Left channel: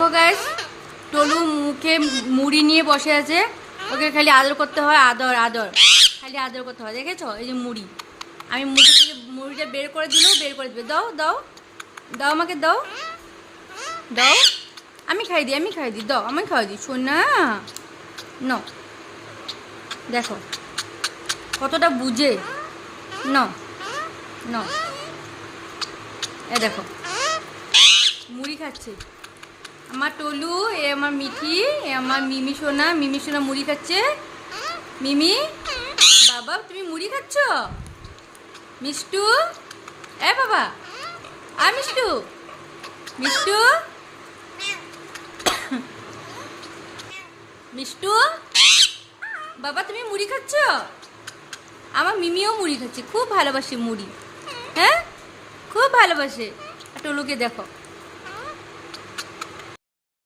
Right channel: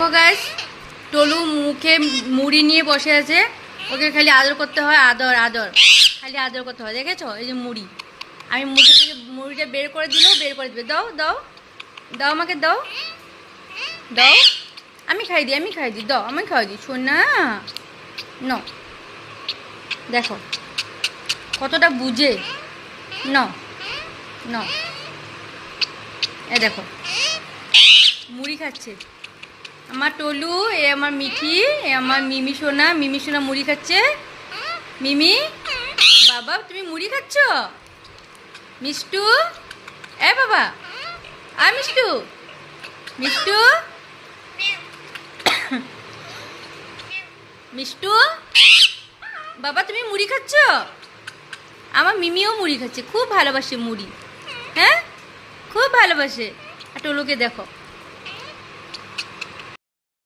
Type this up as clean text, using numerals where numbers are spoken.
তো গাইস, টলু মুখে মুড়ি নিয়ে বসে আছে। ওকে খালি আদর করতে হয়, আদর আদর, খালি আদর করতে হয়। দেখেছো, এই যে মুড়ি, আমি মুখে থেকে মুড়িটা বের করে দিলেও বের করে দেবে। দাও দাও দাও, আমাকে দাও দাও, আমি খাই দিই, আমি খাই দিই, দাও আমি খাই দিই। শোন না, ন দেখো কতটা বুঝে। ন ন এ দেখো মুড়ি খাচ্ছে আমার টলু, এ আমার মিঠি, এ আমার মিমি সোনা। মিমি সোনা মুড়ি খাচ্ছে। মিমি বাবা, তুমি মুড়ি খাচ্ছ? মিষ্টু, এ বাবা, আ মিষ্টু, মিষ্টু, মিষ্টু বাবা, তুমি মুড়ি খাচ্ছ? আমার মিমিও মুড়ি খাচ্ছে, খুব ভালোবাসে মুড়ি। হ্যাঁ, খুব ভালোবাসে। আর টলুকে দেখো,